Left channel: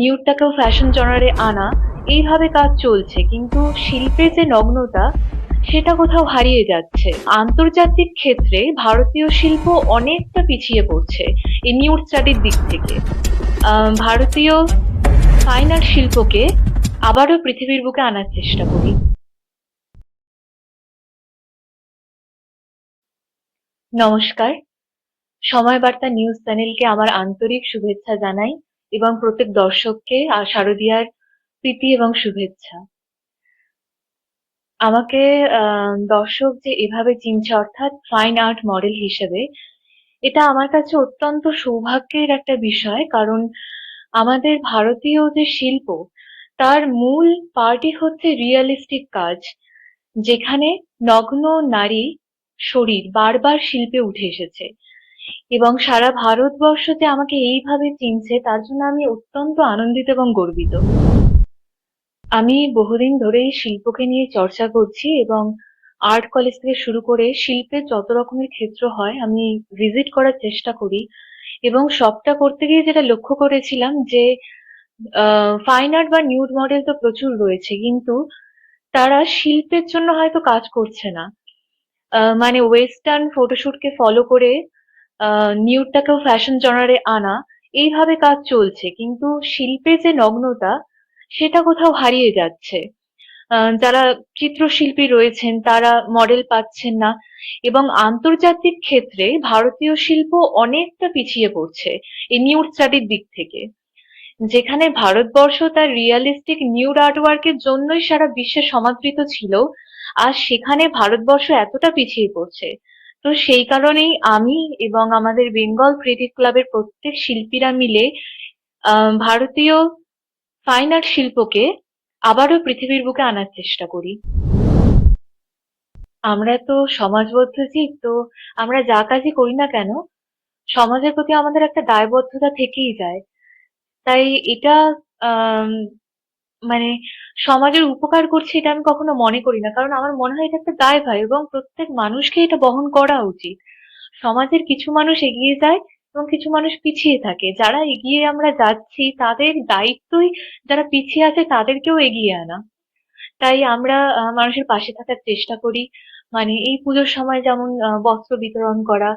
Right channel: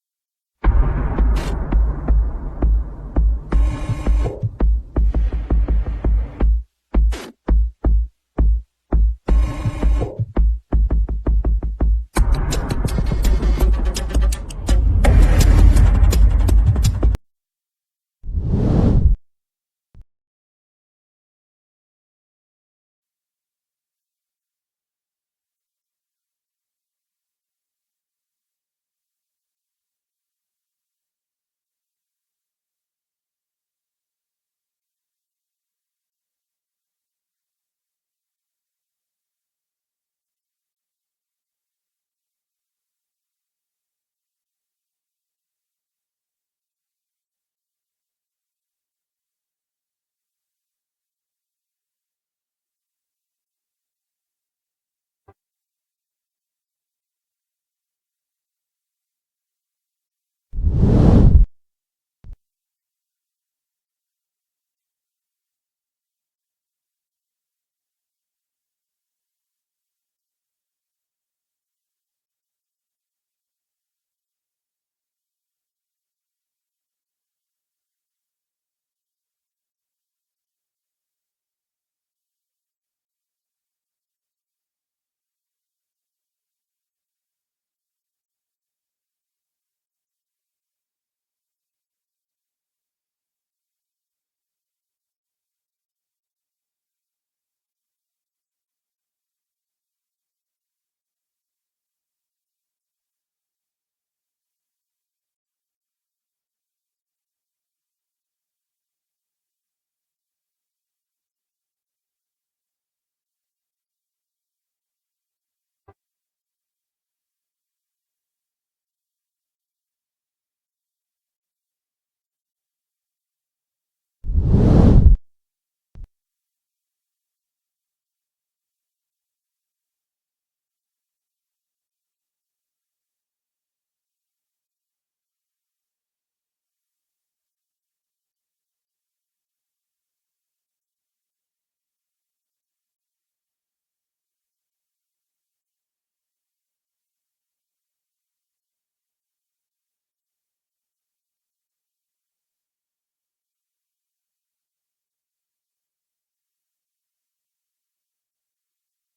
নিউডটাকেও fashion জনারে আনা, এইভাবে কাজ চলছে। কিন্তু শিল্পে যে নগ্নতা, সেটা কোথাও হারিয়ে যাচ্ছে। আন্তর্জাতিক ক্ষেত্রে ভারতীয় শিল্প অনেকটা পিছিয়ে পড়ছে এই নিউড স্টাডির দিক থেকে। ভারতীয় ফাইন আর্ট শিল্পকে আবারও পৃথিবীর বুকে আনার চেষ্টা করি। নমস্কার। সময় বার্তা নিউজ চ্যানেলকে আমার আন্তরিক শুভেচ্ছা জানাই। এবং প্রত্যেক দর্শককে শারদীয়ার প্রীতি এবং শুভেচ্ছা। আমাকে দর্শক যে এভাবে চিনছে, অর্থাৎ ফাইন আর্ট মডেল হিসেবে, এটা আমার কাছে অত্যন্ত সৌভাগ্যের একটা বিষয়, কারণ আমাদের ভারতীয় যে শিল্প, তার মূল পার্টি হচ্ছে রিয়েলিস্টিক কাজ, যেখানে নগ্ন নারী শরীর বারবার শিল্পে উঠে এসেছে। এবং সারা ভারতবর্ষ যে আমাকে এইভাবে চিনছে, তার জন্য আমি অত্যন্ত আনন্দিত এবং গর্বিত। আমি বহুদিন ধরেই শিল্পকে নিয়ে চর্চা করছি এবং আর্ট কলেজ থেকে শুরু করে শিল্পের যত রকমের ক্ষেত্র হয়, আমি ভিজিট করার চেষ্টা করি এবং সবটা করতে গিয়ে যেটা লক্ষ্য করেছিলাম যে ফাইন আর্ট বা নিউড মডেল তো প্রচুর রয়েছে, কিন্তু তারা শিল্পের জন্য হয়তো কাজ করছে না। মানে ওয়েস্টার্ন ফটোশুটকে ফলো করে নিউডটাকেও ফ্যাশন জনারে আনা, এইভাবে কাজ চলছে। কিন্তু শিল্পে যে নগ্নতা, সেটা কোথাও হারিয়ে যাচ্ছে। যারা চিত্রশিল্পী রয়েছেন, তারা মডেল পাচ্ছেন না। এবং আন্তর্জাতিক ক্ষেত্রে ভারতীয় শিল্প অনেকটা পিছিয়ে পড়ছে এই নিউড স্টাডির দিক থেকে। যেখানে ভারতবর্ষ তার রিয়েলিস্টিক নিউড আর্টওয়ার্কের জন্যই সারা বিশ্বে সমাদৃত ছিল, আর সেখানে ভারতবর্ষ এতটা পিছিয়ে পড়ছে তো সেই কারণেই আমি এবং আমাদের বেঙ্গল ক্রিয়েটিভ ক্লাবের প্রত্যেক শিল্পীরা মিলে ভারতীয় ফাইন আর্ট শিল্পকে আবারও পৃথিবীর বুকে আনার চেষ্টা করি। আমরা তো সমাজবদ্ধ জীব, তো আমরা যা কাজই করি না কেন, সমাজের প্রতি আমাদের একটা দায়বদ্ধতা থেকেই যায়। তাই এটা মানে সমাজের উপকার করছে এটা আমি কখনো মনে করি না। কারণ আমার মনে হয় এটা একটা দায়ভার এবং প্রত্যেক মানুষকে এটা বহন করা উচিত। সমাজের কিছু মানুষ এগিয়ে যায় এবং কিছু মানুষ পিছিয়ে থাকে। যারা এগিয়ে আমরা যাচ্ছি তাদের দায়িত্বই যারা পিছিয়ে আছে তাদেরকেও এগিয়ে আনা। তাই আমরা মানুষের পাশে থাকার চেষ্টা করি। মানে এই পুজোর সময় যেমন বস্ত্র বিতরণ করা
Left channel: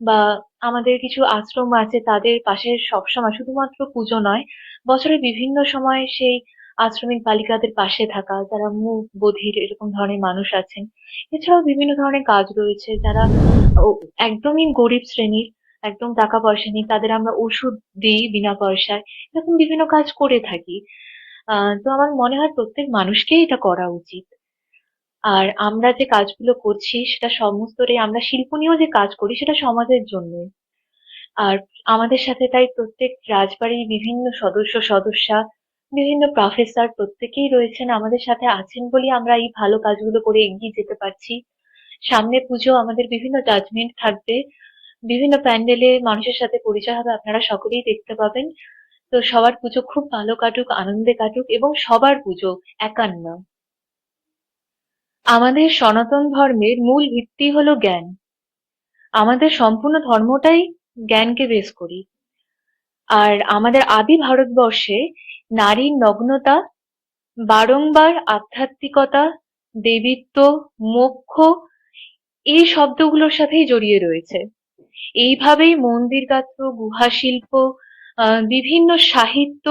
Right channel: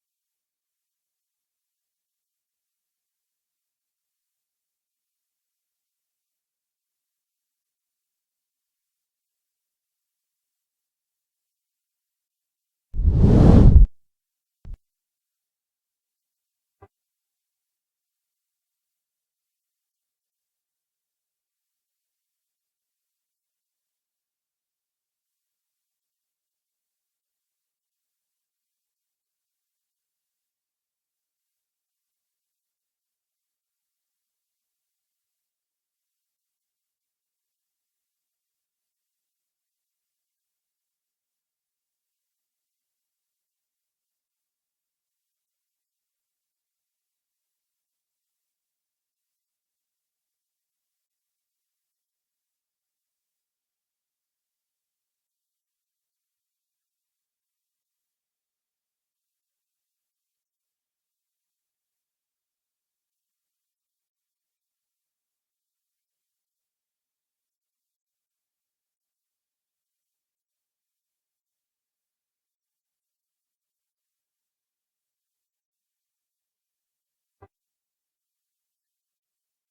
বা আমাদের কিছু আশ্রম আছে তাদের পাশে সবসময়, শুধুমাত্র পুজো নয়, বছরের বিভিন্ন সময় সেই আশ্রমিক বালিকাদের পাশে থাকা, যারা মুক বধির এরকম ধরনের মানুষ আছেন। এছাড়াও বিভিন্ন ধরনের কাজ রয়েছে, যারা একদমই গরিব শ্রেণির, একদম টাকা পয়সা নেই, তাদের আমরা ওষুধ দিই বিনা পয়সায়, এরকম বিভিন্ন কাজ করে থাকি। তো আমার মনে হয় প্রত্যেক মানুষকেই এটা করা উচিত। আর আমরা যে কাজগুলো করছি, সেটা সমস্তটাই আমরা শিল্প নিয়েও যে কাজ করি, সেটা সমাজের জন্যই। আর আমাদের সাথে তাই প্রত্যেক রাজবাড়ির বিভিন্ন সদস্য, সদস্যা বিভিন্ন প্রফেসর প্রত্যেকেই রয়েছেন আমাদের সাথে আছেন বলেই আমরা এই ভালো কাজগুলো করে এগিয়ে যেতে পারছি। সামনে পুজো, আমাদের বিভিন্ন জাজমেন্ট থাকবে। বিভিন্ন প্যান্ডেলে মানুষের সাথে পরিচয় হবে, আপনারা সকলেই দেখতে পাবেন। তো সবার পুজো খুব ভালো কাটুক, আনন্দে কাটুক এবং সবার পুজো একান্ন। আমাদের সনাতন ধর্মের মূল ভিত্তি হলো জ্ঞান। আমাদের সম্পূর্ণ ধর্মটাই জ্ঞানকে বেস করি। আর আমাদের আদি ভারতবর্ষে নারীর নগ্নতা, বারংবার আধ্যাত্মিকতা, দেবীত্ব, মোক্ষ এই শব্দগুলোর সাথেই জড়িয়ে রয়েছে। এইভাবেই মন্দির গাত্র, গুহা শিল্প বিভিন্ন সাহিত্য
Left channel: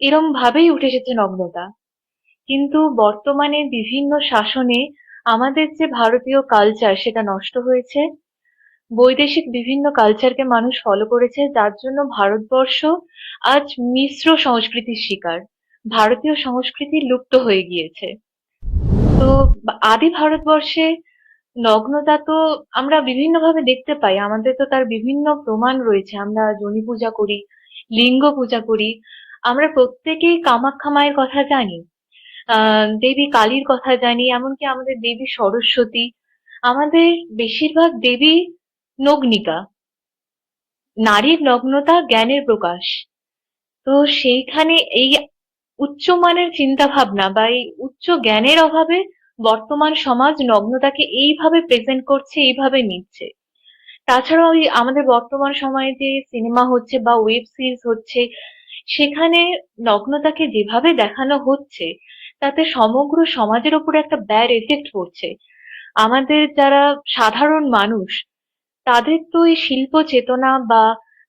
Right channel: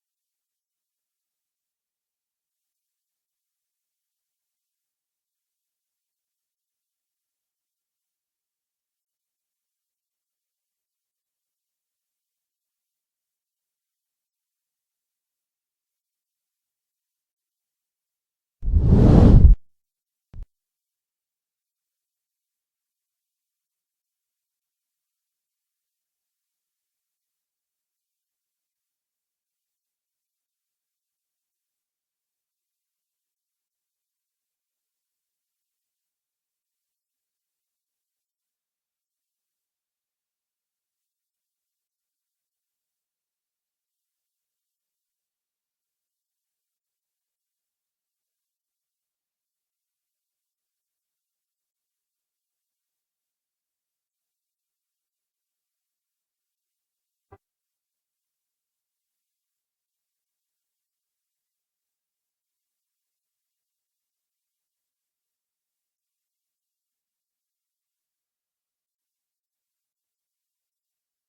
এরম ভাবেই উঠে এসেছে নগ্নতা। কিন্তু বর্তমানে বিভিন্ন শাসনে আমাদের যে ভারতীয় কালচার সেটা নষ্ট হয়েছে। বৈদেশিক বিভিন্ন কালচারকে মানুষ ফলো করেছে, যার জন্য ভারতবর্ষ আজ মিশ্র সংস্কৃতির শিকার। ভারতীয় সংস্কৃতি লুপ্ত হয়ে গিয়েছে। তো আদি ভারতবর্ষে নগ্নতা তো আমরা বিভিন্ন ভাবে দেখতে পাই। আমাদের তো তার বিভিন্ন প্রমাণ রয়েছে। আমরা যোনি পূজা করি, লিঙ্গ পূজা করি। আমরা প্রত্যেকেই কামাখ্যা মায়ের কথা জানি দেবী কালীর কথা জানি, এমনকি আমাদের দেবী সরস্বতী। আমাদের বেশিরভাগ দেবী নগ্নিকা। নারীর নগ্নতা, জ্ঞানের প্রকাশ। তো সেইখানে এই উচ্চমানের চিন্তা ভাবনা বা এই উচ্চ জ্ঞানের অভাবে বর্তমান সমাজ নগ্নতাকে এইভাবে প্রেজেন্ট করছে, এইভাবে নিচ্ছে। তাছাড়াও আমাদের বর্তমান সময়ে যে সিনেমা হচ্ছে বা ওয়েব সিরিজ হচ্ছে, সেখানে নগ্নতাকে যেভাবে দেখানো হচ্ছে, তাতে সমগ্র সমাজের ওপর একটা ব্যাড এফেক্ট পড়ছে। আমাদের যারা সাধারণ মানুষ তাদের তো এই শিল্প চেতনা বা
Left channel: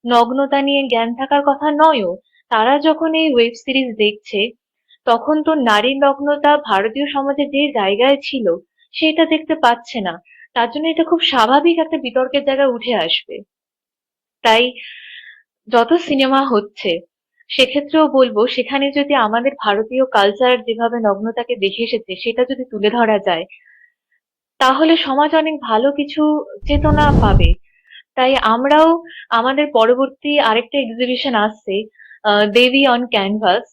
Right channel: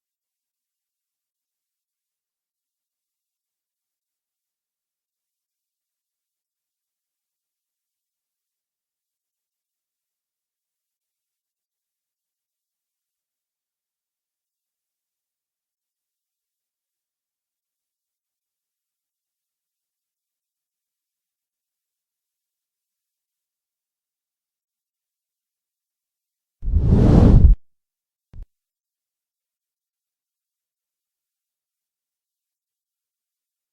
নগ্নতা নিয়ে জ্ঞান থাকার কথা নয়ও, তারা যখন এই ওয়েব সিরিজ দেখছে, তখন তো নারী নগ্নতা ভারতীয় সমাজে যে জায়গায় ছিল, সেটা দেখতে পাচ্ছে না। তার জন্য এটা খুব স্বাভাবিক একটা বিতর্কের জায়গায় উঠে আসবে। তাই যত সিনেমা হচ্ছে, সেক্ষেত্রেও বলব, সেখানে যদি আমাদের ভারতীয় কালচার যেভাবে নগ্নতাকে দেখে এসেছে, সেটা যদি তুলে ধরা যায় তাহলে সমাজ অনেক ভালো কিছু চেতনা পাবে। তাই আমরাও আমাদের পরবর্তী আরেকটা এক্সিবিশন আসছে দেবী অন ক্যানভাস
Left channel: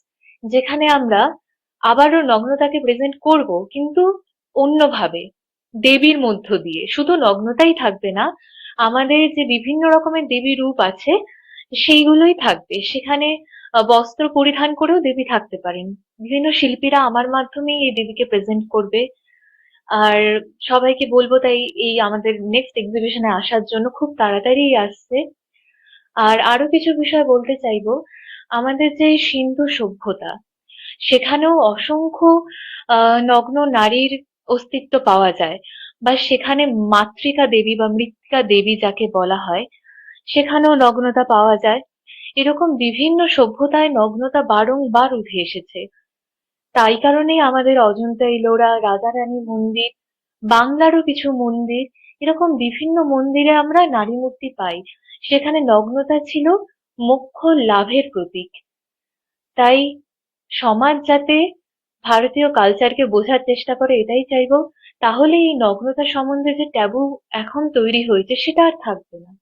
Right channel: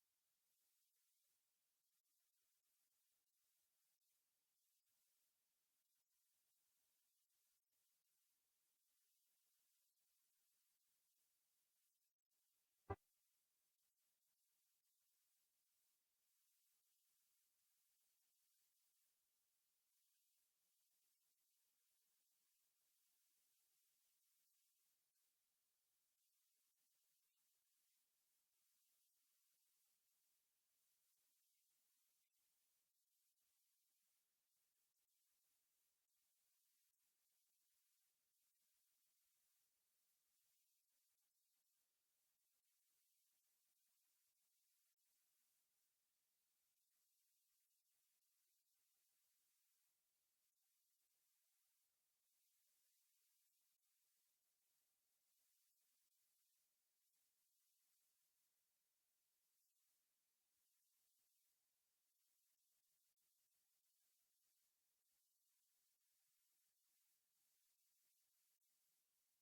যেখানে আমরা আবারও নগ্নতাকে প্রেজেন্ট করব, কিন্তু অন্যভাবে, দেবীর মধ্য দিয়ে। শুধু নগ্নতাই থাকবে না, আমাদের যে বিভিন্ন রকমের দেবী রূপ আছে, সেইগুলোই থাকবে। সেখানে বস্ত্র পরিধান করেও দেবী থাকতে পারেন। বিভিন্ন শিল্পীরা আমার মাধ্যমেই এই দেবীকে প্রেজেন্ট করবে। আর সবাইকে বলব তাই এই আমাদের নেক্সট এক্সিবিশনে আসার জন্য খুব তাড়াতাড়ি আসছে। আর আরও কিছু বিষয় বলতে চাইব। আমাদের যে সিন্ধু সভ্যতা, সেখানেও অসংখ্য নগ্ন নারীর অস্তিত্ব পাওয়া যায় বা সেখানে মাতৃকা দেবী বা মৃত্তিকা দেবী যাকে বলা হয়, সেখানেও নগ্নতা পাওয়া যায়। এরকম বিভিন্ন সভ্যতায় নগ্নতা বারংবার উঠে এসেছে। তাই কারণেই আমাদের অজন্তা ইলোরা রাজা রানী মন্দির, বাংলারও কিছু মন্দির, এরকম বিভিন্ন মন্দিরে আমরা নারী মূর্তি পাই। সেখানে নগ্নতা ছিল মোক্ষ লাভের প্রতীক। তাই সমাজ যাতে ভারতীয় কালচারকে বোঝার চেষ্টা করে, এটাই চাইব। তাহলে এই নগ্নতা সম্বন্ধে যে ট্যাবু এখন তৈরি হয়েছে, সেটা আর থাকবে না।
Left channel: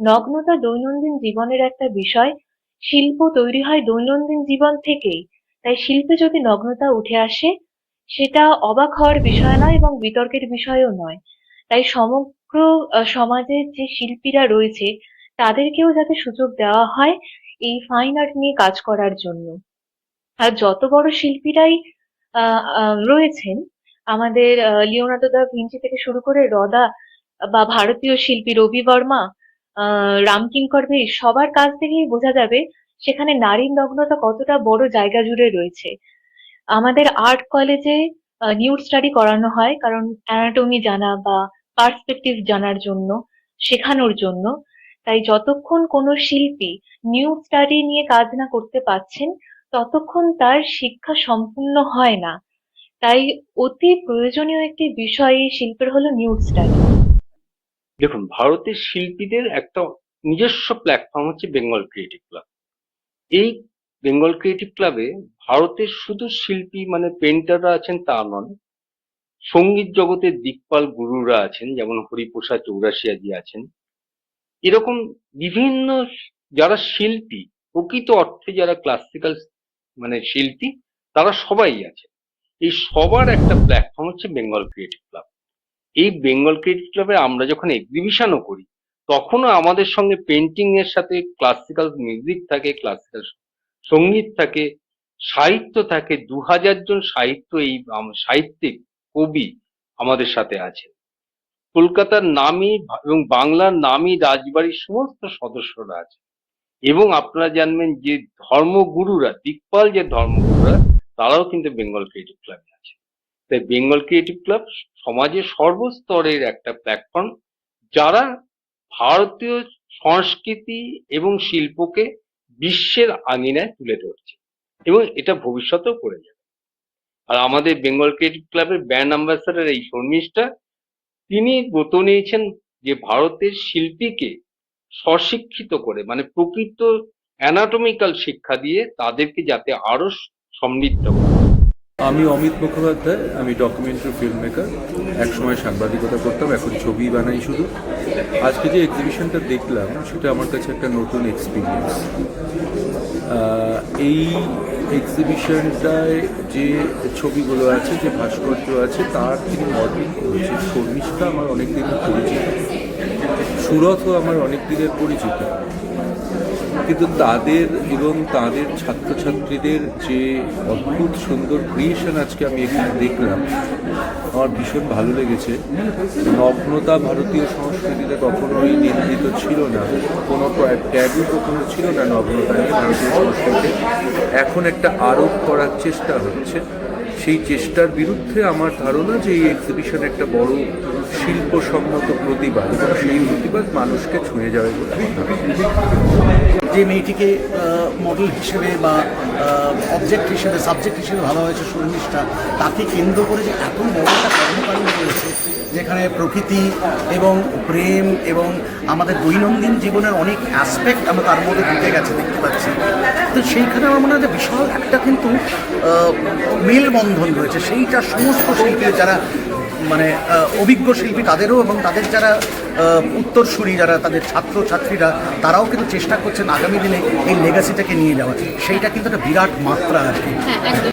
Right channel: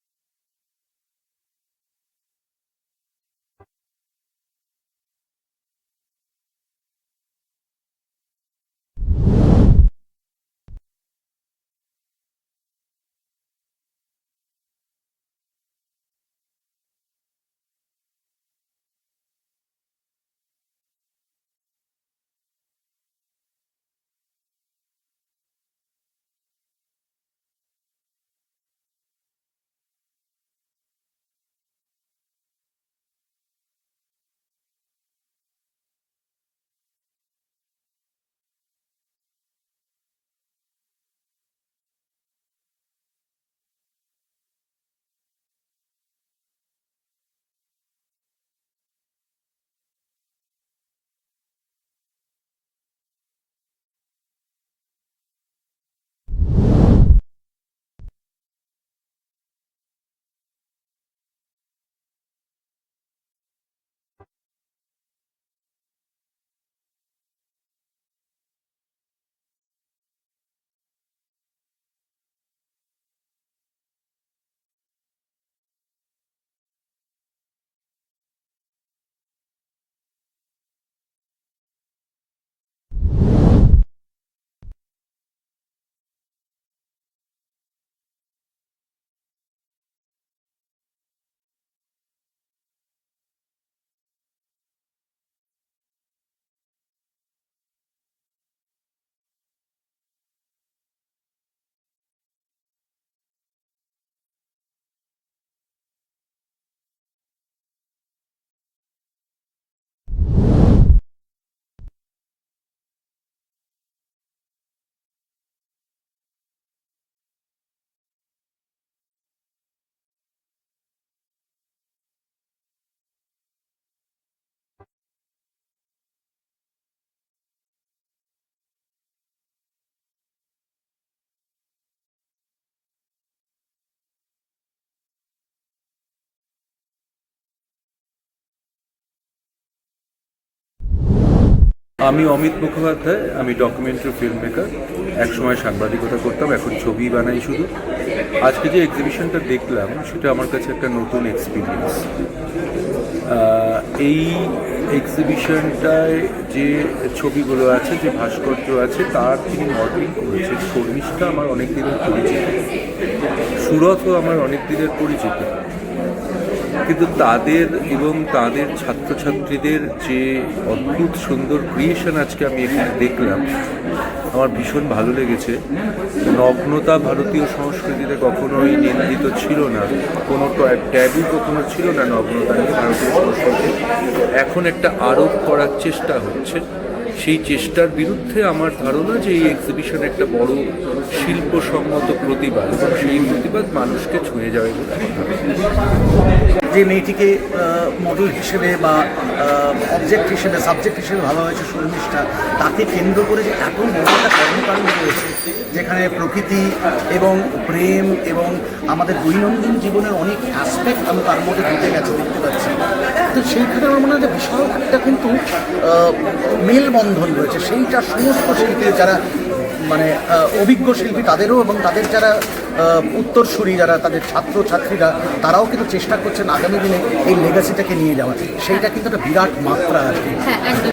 নগ্নতা দৈনন্দিন জীবনের একটা বিষয়। শিল্প তৈরি হয় দৈনন্দিন জীবন থেকেই। তাই শিল্পে যদি নগ্নতা উঠে আসে, সেটা অবাক হওয়ার বিষয় নয় এবং বিতর্কের বিষয়ও নয়। তাই সমগ্র সমাজের যে শিল্পীরা রয়েছে, তাদেরকেও যাতে সুযোগ দেওয়া হয় এই ফাইন আর্ট নিয়ে কাজ করার জন্য। আর যত বড় শিল্পীরাই রয়েছেন, আমাদের লিওনার্দো দা ভিঞ্চি থেকে শুরু করে রদা, বা ভারতীয় শিল্পী রবি বর্মা রামকিঙ্কর বেশ, সবার কাছ থেকেই বোঝা যাবে সেখানে নারীর নগ্নতা কতটা বড় জায়গা জুড়ে রয়েছে। আমাদের আর্ট কলেজে নিউড স্টাডি করানো হয় কারণ অ্যানাটমি জানা বা পার্সপেক্টিভ জানার জন্য, শেখানোর জন্য। তাই যতক্ষণ কোনো শিল্পী নিউড স্টাডি নিয়ে কাজ না করতে পারছেন, ততক্ষণ তার শিক্ষা সম্পূর্ণ হয় না। তাই অতি প্রয়োজনীয় একটি বিষয় এই শিল্পের হলো নিউড স্টাডি দেখুন, ভারতের শিল্পীদের একটা নিজস্ব প্ল্যাটফর্ম হচ্ছে বেঙ্গল ক্রিয়েটিভ ক্লাব এই বেঙ্গল ক্রিয়েটিভ ক্লাবে ভারতের শুধু শিল্পী মানে পেন্টাররা আছেন তা নন, সংগীত জগতের দিকপাল গুরুরা আছেন, যেমন হরিপ্রসাদ চৌরাশিয়াজি আছেন। এরকম বিভিন্ন যারা শিল্পী, প্রকৃত অর্থে যারা ক্লাসিক্যাল মানে শিল্পী, তারা সবাই আছে এই সবার একটা প্ল্যাটফর্ম হচ্ছে বেঙ্গল ক্রিয়েটিভ ক্লাব এই বেঙ্গল ক্রিয়েটিভ ক্লাবে আমরা যখন এক্সিবিশনও করি তখনও আমাদের সঙ্গে পেন্টিং এর সাথে ক্লাসিক্যাল মিউজিক থাকে ক্লাসিক্যাল সংগীত থাকে, সাহিত্য থাকে দু হাজার জন সাহিত্য এই সাহিত্যিক, কবি আমাদের সাথে আছে কলকাতার নামী এবং বাংলার নামী রাজবাড়ির সমস্ত সদস্যরা আছে এবং আপনারা জানবেন যে ধর্মগুরুরা, দিকপাল যে ধর্মগুরুরা, তারাও কিন্তু বেঙ্গল ক্রিয়েটিভ ক্লাবে আছে তাই বেঙ্গল ক্রিয়েটিভ ক্লাব সমাজের সর্বস্তরের একটা প্ল্যাটফর্ম যারা ভারতীয় সংস্কৃতি এবং শিল্পকে বিশ্বের আঙিনায় তুলে ধরছে এবং এটা ভবিষ্যতেও করে যাবে। আর আমাদের বেঙ্গল ক্রিয়েটিভ ক্লাবের ব্র্যান্ড অ্যাম্বাসাডার এই শর্মিষ্ঠা, তিনি ব্রত নিয়েছেন যে ভারতের শিল্পীকে স্বশিক্ষিত করে মানে প্রকৃত অ্যানাটমিক্যাল শিক্ষা দিয়ে তাদেরকে যাতে আরও সমৃদ্ধ আমি অমিত মুখোপাধ্যায়, আমি ডকুমেন্টারি ফিল্ম মেকার একসময় সাংবাদিকতা করতাম, এখন ছবি বানাই শুধু। আজকে যে এক্সিবিশনটা দেখলাম, সেটা আমার কাছে একটা নতুন এক্সপিরিয়েন্স এই এক্সিবিশনটায় যে ছবিগুলো আছে, যে ভাস্কর্য আছে, তার থেকে মডেলিং করেছে। শর্মিষ্ঠা আমার অনেক দিনের পরিচিত। সুরতও আমার অনেক দিনের পরিচিত। কিন্তু তাদের এবং তাদের ছাত্রছাত্রীদের যে অদ্ভুত সুন্দর ক্রিয়েশন আজকে আমি এখানে দেখলাম, আমার ভীষণ ভালো লেগেছে। নগ্নতা ভারতীয় সংস্কৃতিতে কখনোই নিন্দিত ছিল না। কোনো ট্যাবু কখনো ছিল না নগ্নতা নিয়ে ভারতীয় সংস্কৃতিতে। এখন একটা আরোপ করার চেষ্টা হচ্ছে। সেই চেষ্টার বিরুদ্ধে আমার ধারণা যে এই এক্সিবিশন একটা বড় শিল্পসম্মত প্রতিবাদ এবং সেই প্রতিবাদ মানুষকে ছুঁয়ে যাবে বলে আমার ধারণা। যে মেয়েটিকে মডেল হিসেবে বা অবজেক্ট হিসেবে সাবজেক্ট হিসেবে ভালো হয়েছে শর্মিষ্ঠা তাকে কেন্দ্র করে যে এত বড় একটা কর্মকাণ্ড রয়েছে যেখানে প্রকৃতি এবং প্রেম এবং আমাদের দৈনন্দিন জীবনের অনেক অ্যাসপেক্ট আমরা তার মধ্যে ঢুকে গেছে, দেখতে পাচ্ছি। তো সেইখানে আমার মনে হয় বিশাল একটা কিন্তু মেলবন্ধন রয়েছে। সেইটা সমস্ত শিল্পী যারা মানে অভিজ্ঞ শিল্পী তাদেরও এবং তাদের যারা উত্তরসূরি যারা, তাদের ছাত্র ছাত্রীরা তারাও কিন্তু চেষ্টা করছেন আগামী দিনে এই লেগাসিটাকে নিয়ে যাওয়ার। সেইটা কিন্তু একটা বিরাট মাত্রা আর কি হ্যাঁ একদম।